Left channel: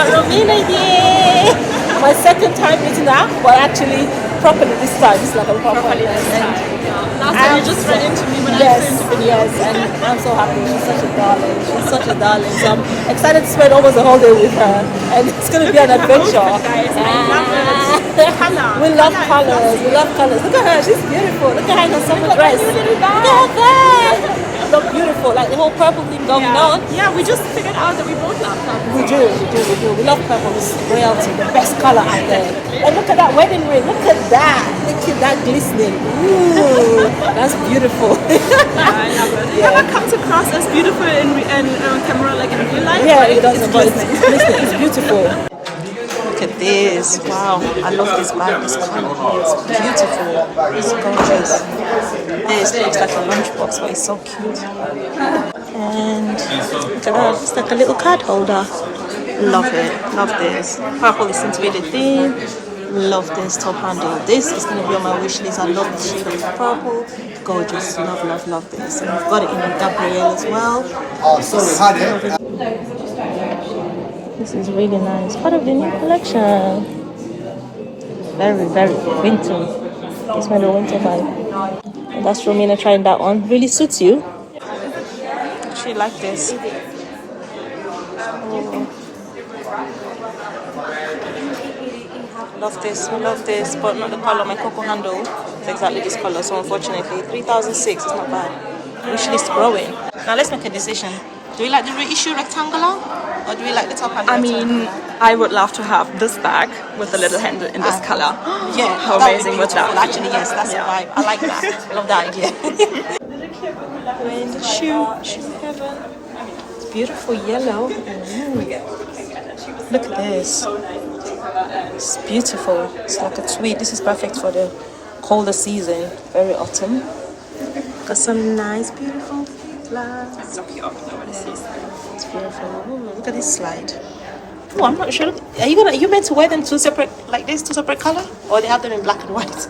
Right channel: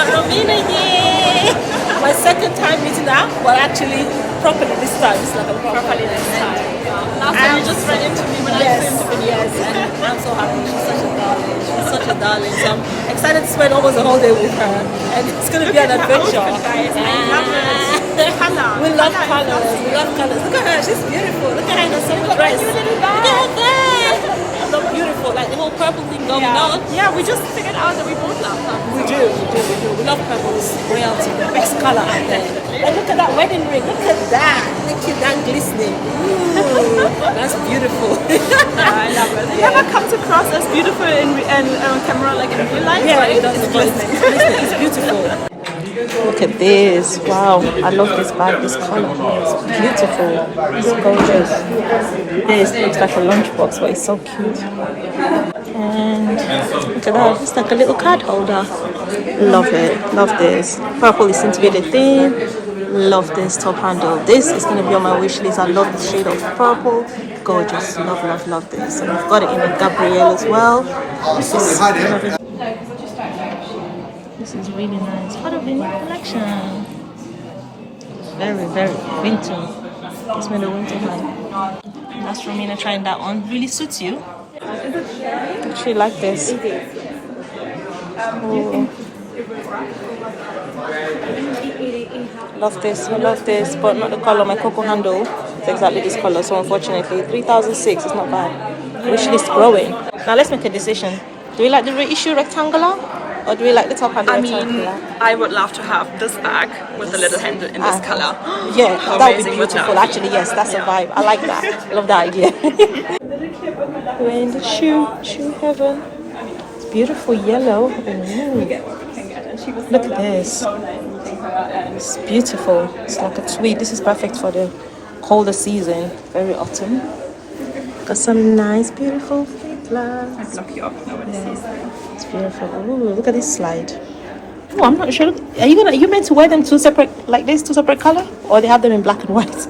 got Romina here. My second time meeting her, but actually properly this time. It's like a proper this time. Last time you just ran into me when I came to the yes, and I'm so happy. She's such a darling. She's such a darling. So I'm excited to spend almost the whole day with her, and it's going to be an adventure. We love colors. We love colors. Look at her. She's beautiful. Look at her in the summer dress. Look at her there. Look beautiful. Like the whole purple thing going on. Yeah, we just figured out that we both love purple. We do. We love purple. It's royalty, the best color out there. And look at that wedding ring. Look at that. Look at that glistening. Ooh, that's beautiful. Yeah, it comes across as beautiful in camera, like in real life. Yeah, it does. It's beautiful. Look at this. Wow, I love this bag. This color is beautiful. It's gorgeous. This looks like a lunchbox, but it's so cute. And look at that. It's like a little card holder. Love it. Love this. Purple is seems to be the theme. Love this top handle. This is going to be on my wish list. I love the shade of purple. Gorgeous. Love this. And I've got it in a Gabrielle as well. This is really nice. Part of the new collection. Very winter. It's not a winter vibe. And that's Romina trying that on. Really suits you. I actually like this. Oh. I love this, but not the color. My cocoa handle is exactly this color, so unfortunately 3006 is not bad. Wish list growing. Now let's make a decision. Do we like the reissue rectangular, or do we like the top handle rectangular? I would love to have this bag with the little handle in this color. Yeah, that would be beautiful. Actually, yes, that's a vibe. I like that. I love that idea. We're in the shoe heaven. It's beautiful yellow. Ooh. Look at this. It's beautiful. It's like a tweed. This is perfect for the colder season. Very autumn. Got some nice, beautiful flowers. Yes, it's beautiful. Ooh, look at this slide. Oh, I'm not sure. Are you meant to wear them two separate color, or they have them in black and white? I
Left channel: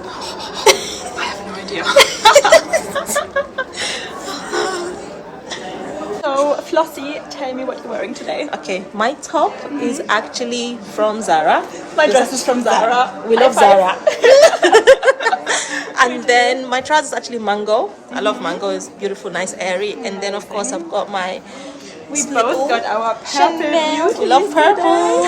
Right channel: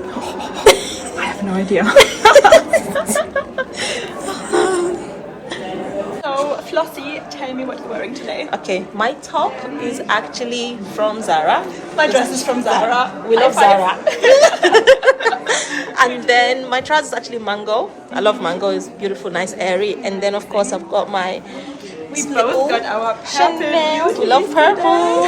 have no idea. Flossie, tell me what you're wearing today. Okay, my top is actually from Zara. My dress is from Zara. We love Zara. And then my trousers is actually mango. I love mango. It's beautiful, nice, airy. And then of course I've got my We both got our Chanel. We love purple.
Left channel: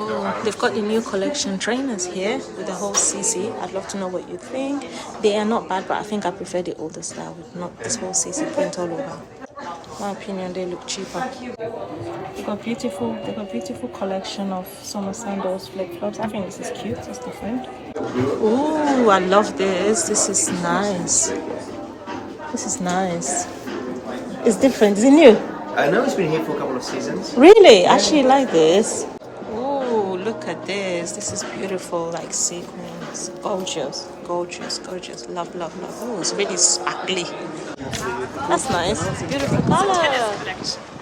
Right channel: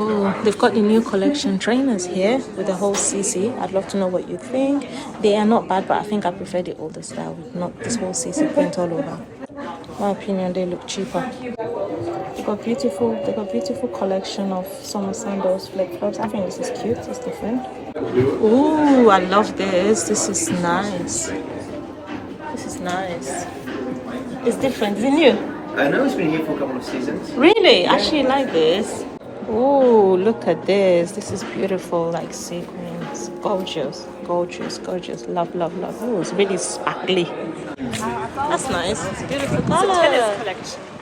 Oh, they've got the new collection trainers here with the whole CC. I'd love to know what you think. They are not bad, but I think I prefer the older style with not this whole CC print all over. In my opinion, they look cheaper. They've got beautiful collection of summer sandals, flip-flops. I think this is cute. It's different. Ooh, I love this. This is nice. It's different. Is it new? No, it's been here for a couple of seasons. Really? I actually like this. Oh, look at this. This is beautiful, like sequins. Gorgeous. Love. Oh, it's really sparkly. That's nice. It's a beautiful color.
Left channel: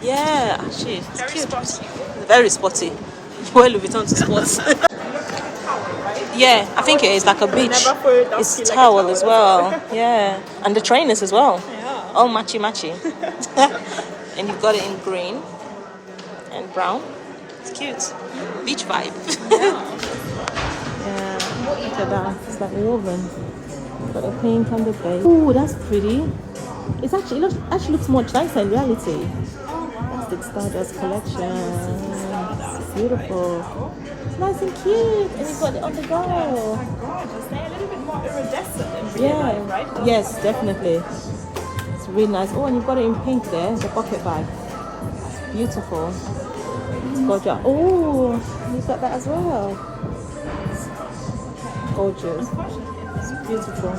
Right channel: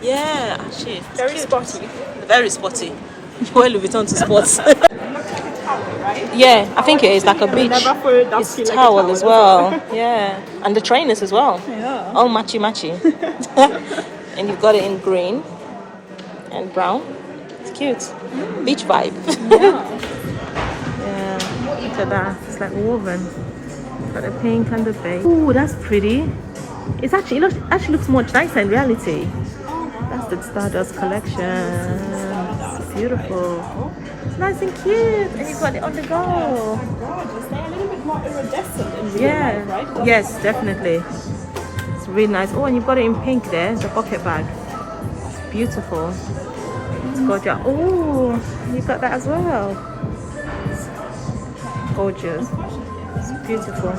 Yeah, actually. Very sporty. Well, VUITTON to sports. Yeah, I think it is like a beach. It's towel as well. Yeah, and the trainers as well. Yeah. All matchy. And you've got it in green and brown. It's cute. Beach vibe. Yeah, look at that. It's like woven. Got the pink and the beige. Ooh, that's pretty. It actually looks much nicer in reality. That's the Stardust collection. It's beautiful. It's nice and cute. And you've got it on the go. They're a little bit more iridescent in real Yeah. life, right? Yes, definitely. It's really nice. Oh, and you've got it in pink there. It's a pocket bag. It's beautiful. It's gorgeous. Oh, you've got that as well. Gorgeous. It's beautiful.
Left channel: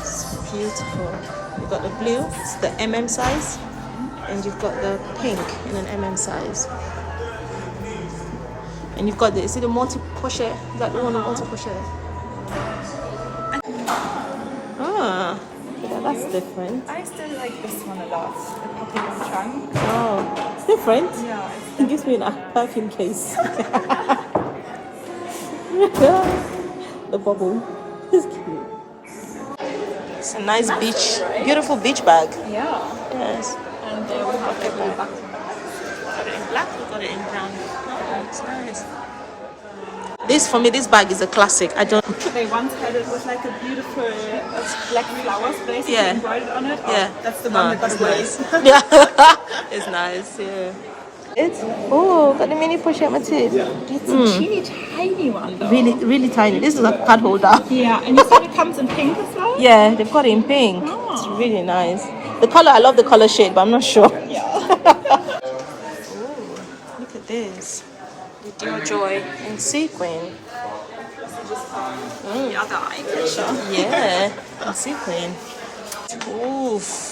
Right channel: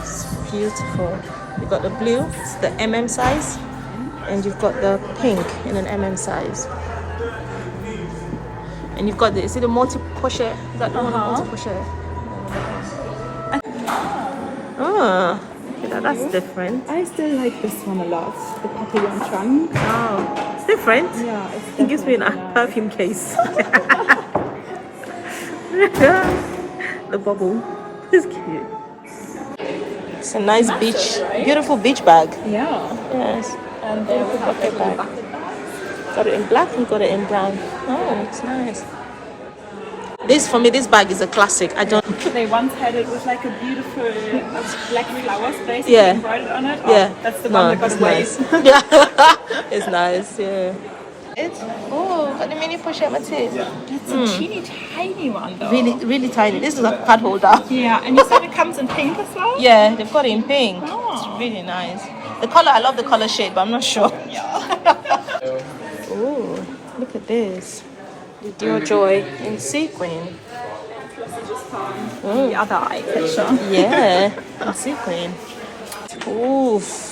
It's beautiful. You've got the blue, it's the MM size, and you've got the pink in an MM size. And you've got the, see the multi-crochet? Is that the one with multi-crochet? Ah, that's different. I still like this one a lot. The poppy with the trunk. Oh, it's different. Yeah. It gives me a perfume case. The bubble. It's cute. It's a nice beach, beautiful beach bag. Yeah. Yes. And there we have pocket bag. Got it in black, we got it in brown. Oh, it's nice. This, for me, this bag is a classic. I don't... They once had it with like a beautiful black flowers basically Yeah. embroidered on it. Yeah. Oh, that's the one that got it's away. nice. Yeah. It's nice, yeah. Oh, got the mini push-up Metiers. It's a teeny tiny one though. Really, really tiny. This is a card holder. Yeah, and you said it comes in pink as well? Yeah, they've got it in pink. It's really nice. The color, I love the color shade, but I'm not sure. Yeah. Oh, look at this. The DIOR Joy in sequin. The other eye collection. Yeah, in sequin. Oof.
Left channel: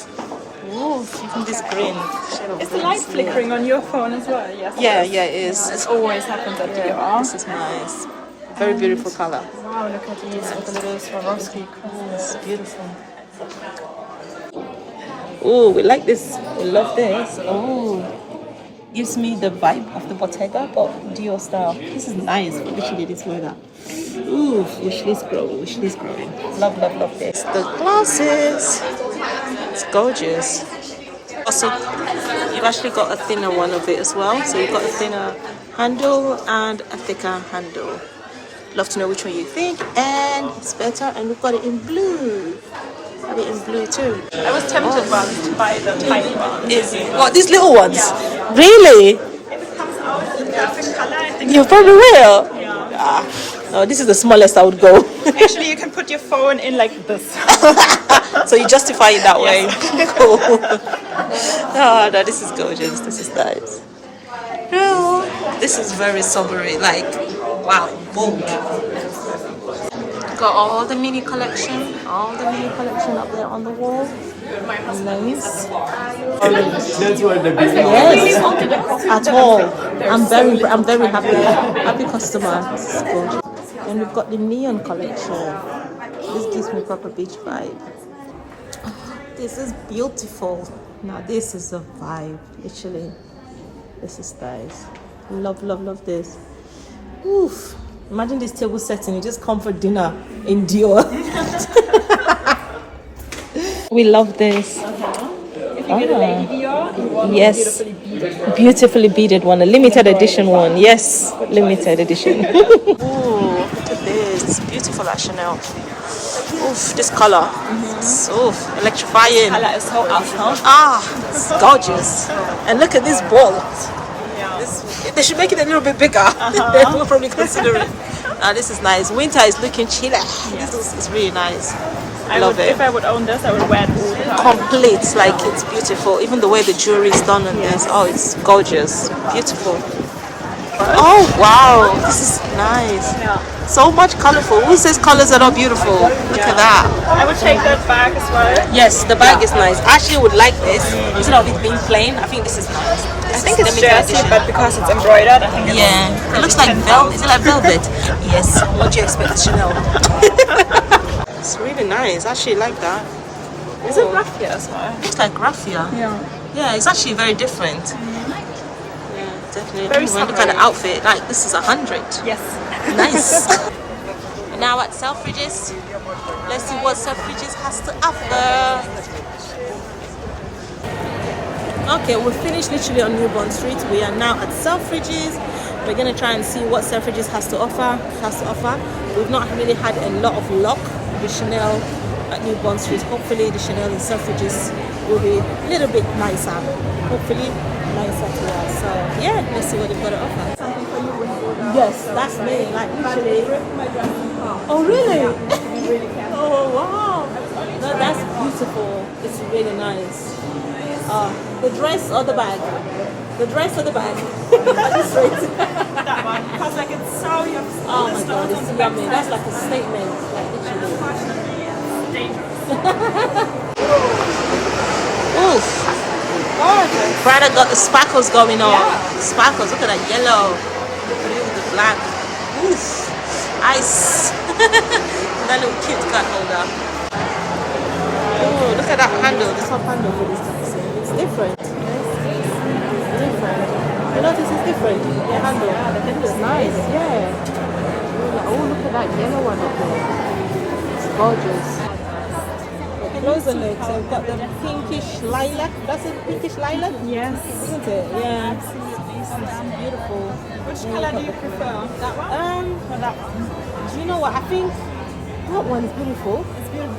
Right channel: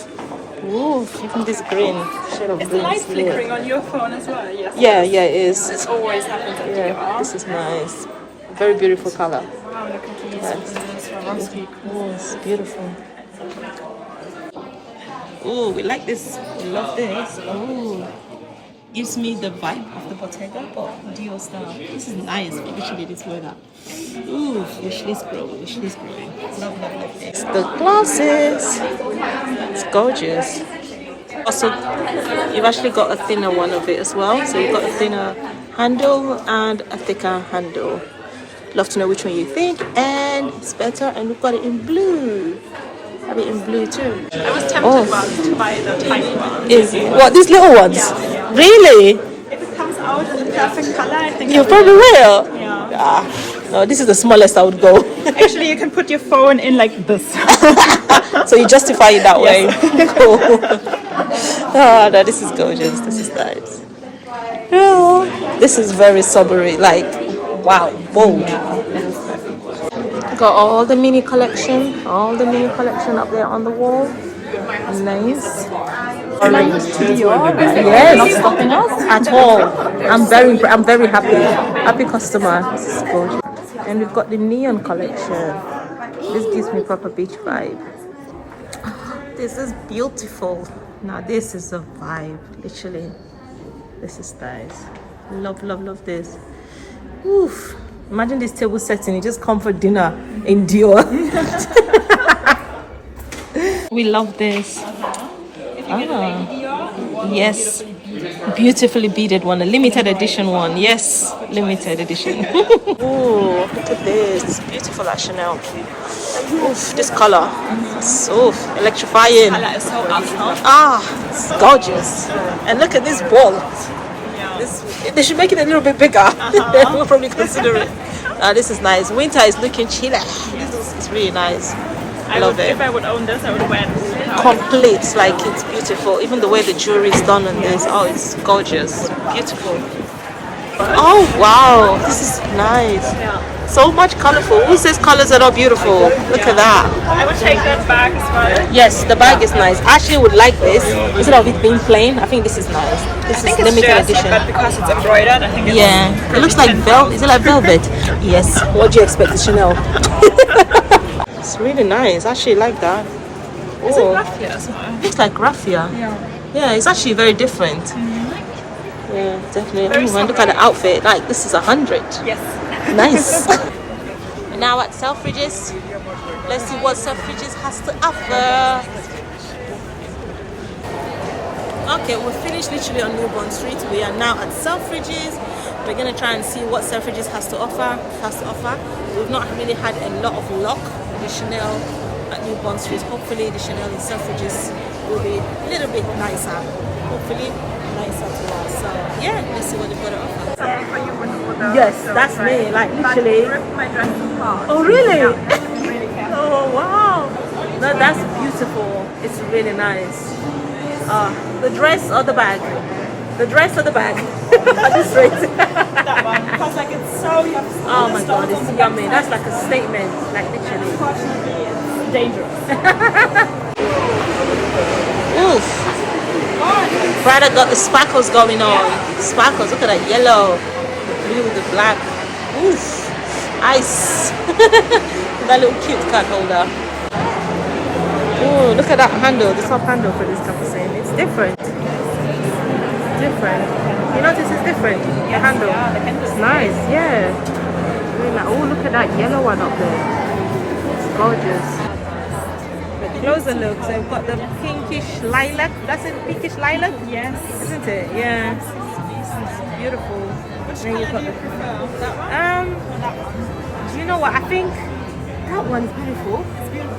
Oof, even this green. Shade of Is the green light is flickering on your phone as well? Yes. Yeah, yeah, it is. It always happens at Yeah, DIOR. this is nice. Very beautiful color. Wow, look at these. Look at those Swarovski. Oh, it's beautiful. Oh, we like this. We love this. Oh, gives me the vibe of the Bottega, but DIOR style. This is nice. We literally this weather. Ooh, wish list growing, wish list growing. Love, love, love this. The glasses. It's gorgeous. Also, you've actually got a thinner one of it as well. So you've got a thinner handle and a thicker handle. Love to know which one you think, and it's better. And we've got it in blue. Have it in blue too. I was tempted once to buy the tiny one. Is it? What, these little ones? Really? If it comes out in a perfect color, I think You probably will. yeah. Ah, no, this is the smallest I would go. Actually, you can put your phone in like this. So you justify it that way. Cool. Oh, no, this is gorgeous. This is nice. Oh, this is very sobering. Like, wow, bold. Got all the mini collection up there on the wall. Nice. Yes, at all. I'm very happy customer. This is gorgeous. And we've got the neon collection. This gives me proper beach vibe. This is beautiful. Now this is a vibe, literally. This is nice. Love, love, love this. Oof. Imagine this table setting, you just come for dinner in DIOR. We love this. Yes. Beautifully beaded one, a limited edition one. Yes, limited edition. Ooh, look at this. Beautiful at Chanel. Oof, this color. It's electrifying. It's so awesome. Ah, it's gorgeous. And look at this ball. They should make it a little bit bigger. We'll probably consider it. This is nice. Winter is looking chilly. This is really nice. Love it. If I would own this, I would wear this. Complete, like it's beautiful. Even the way the jewelry is done on this. Oh, it's gorgeous. Beautiful. Oh, wow. This is nice. So much colorful. Who says colors are not beautiful? Look at that. I would take that bag as well. Yes, the bag is nice. I actually would like this instead of it being plain. I think this is nice. This is limited edition. But because it's embroidered, I think Yeah, it looks like velvet. Is it like velvet? Yes. What do you expect, the Chanel? It's really nice. I actually like that. Oh, raffia as well. looks like raffia. Yeah, it's actually very different. Yeah, definitely. Oh, and look at the outfit. Like this is 100. Yes. Nice. Now at Selfridges, let's see what Selfridges has to offer. Okay, we're finished literally on New Bond Street. We are now at Selfridges. We're gonna try and see what Selfridges has to offer. We've not really had a lot of luck with the Chanel at New Bond Street. Hopefully the Chanel in Selfridges will be a little bit nicer. Hopefully nicer to us. So yeah, let's see what they've got to offer. Yes, that's me. Like literally. Oh really? Oh wow. No, that's beautiful. It's really nice. The dress or the bag? The dress or the bag? Just straight. That one. Because like it's so you have to Oh my god, it's yummy. That's like a statement. Like literally. dangerous. Oof. Prada got the sparkles going on. Sparkles, look at that yellow. The blue with the black. Oof. Ice. That little kid card holder. Oh, look at that handle, the top handle for this capsule. It's different. Different. You notice it's different? The handle. It's nice, yeah. Really like, oh, look at that yellow one up there. It's gorgeous. closer look. So we've got the pinkish lilac. That's it, pinkish lilac? Yes. Isn't it? Yeah. It's beautiful. Which Then you've colour got do you the- prefer? That one or that one? Do you know what? I think that one is beautiful.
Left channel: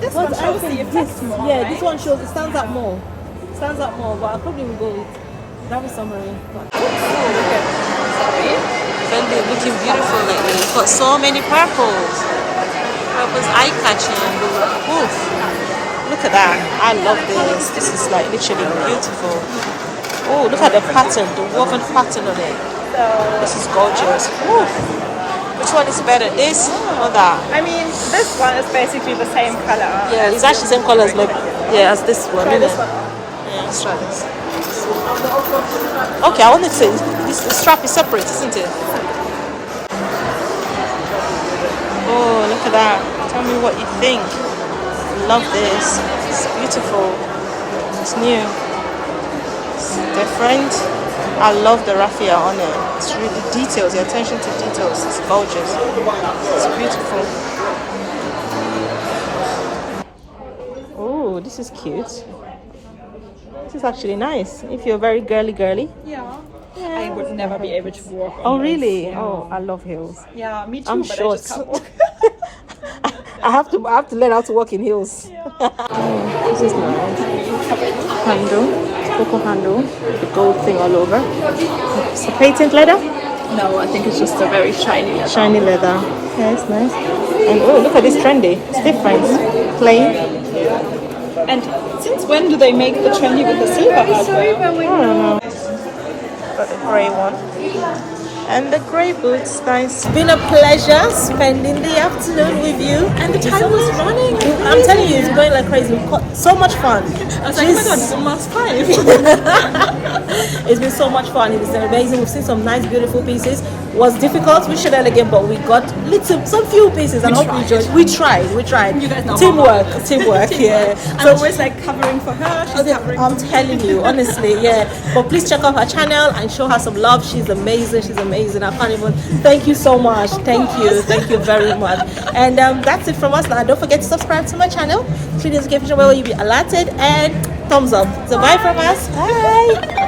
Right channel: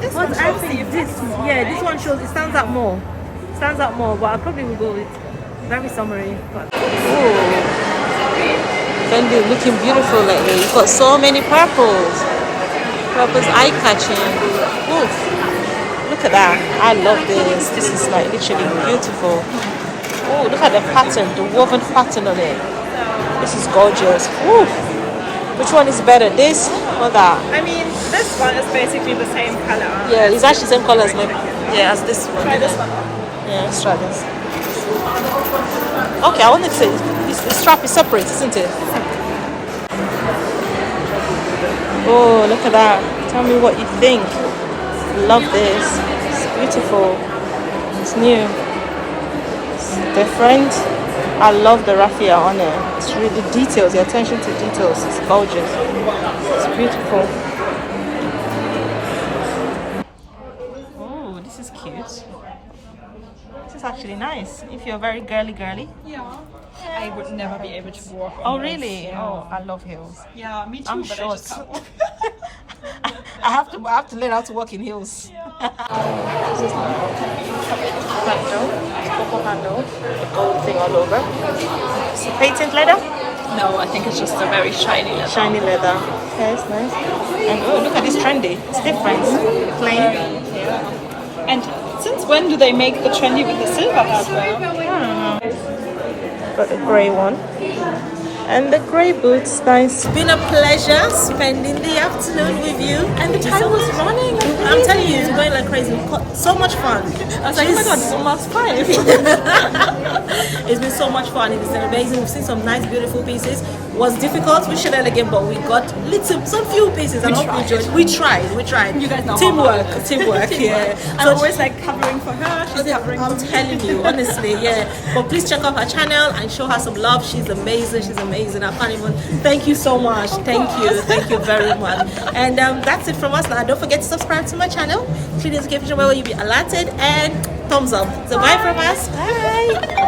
This But one I shows the think effect this, more, yeah, right? this one shows, it stands out more. Stands out more, but I probably will go with Gravity Summary. Fendi looking beautiful lately. You've got so many purples. Purple's eye-catching. Oof. Look at that. I love this. This is like literally beautiful. Oh, look at the pattern, the woven pattern on it. This is gorgeous. Oof. Which one is better, this or that? I mean, this one is basically the same colour. Yeah, it's actually the same color as as this one. Try this isn't it? one. Yeah, let's try this. Okay, I want to say the strap is separate, isn't it? Oh, look at that. Tell me what you think. Love this. It's beautiful. It's new. It's different. I love the raffia on it. It's really details, the attention to details. It's gorgeous. It's beautiful. Oh, this is cute. This is actually nice. If you're very girly. Yeah. I would never be able to walk on Oh, those. really? Yeah. Oh, I love heels. Yeah, me too, I'm but short. I just can't walk. I have to learn how to walk in heels. This is the handle, cocoa handle, with the gold thing all over. It's patent leather? No, I think it's just a very shiny leather. Shiny leather. Yeah, it's nice. And look at this trendy. It's different. Plain. And since when do they make the trendy with the silver as well? I don't know. Got the grey one. And the grey boots, nice. It's been a pleasure spending the afternoon with you. And the time was running. I'm telling you, it's going like crazy. We've got so much fun. I was like, oh my god, it's almost 5. It's been so much fun. It's been amazing. We've seen some nice, beautiful pieces. Was difficult. We should have again, but we got some few pieces, and hope you enjoyed. We tried. You guys know Teamwork. Yeah. I'm always like covering for her. She's covering for I'm me. telling you, honestly, yeah. But please check out her channel and show her some love. She's amazing. I can't even. Thank you so much. Thank you very much. And that's it from us now. Don't forget to subscribe to my channel. Click the notification bell where you'll be alerted, and thumbs up. So bye from us. Bye.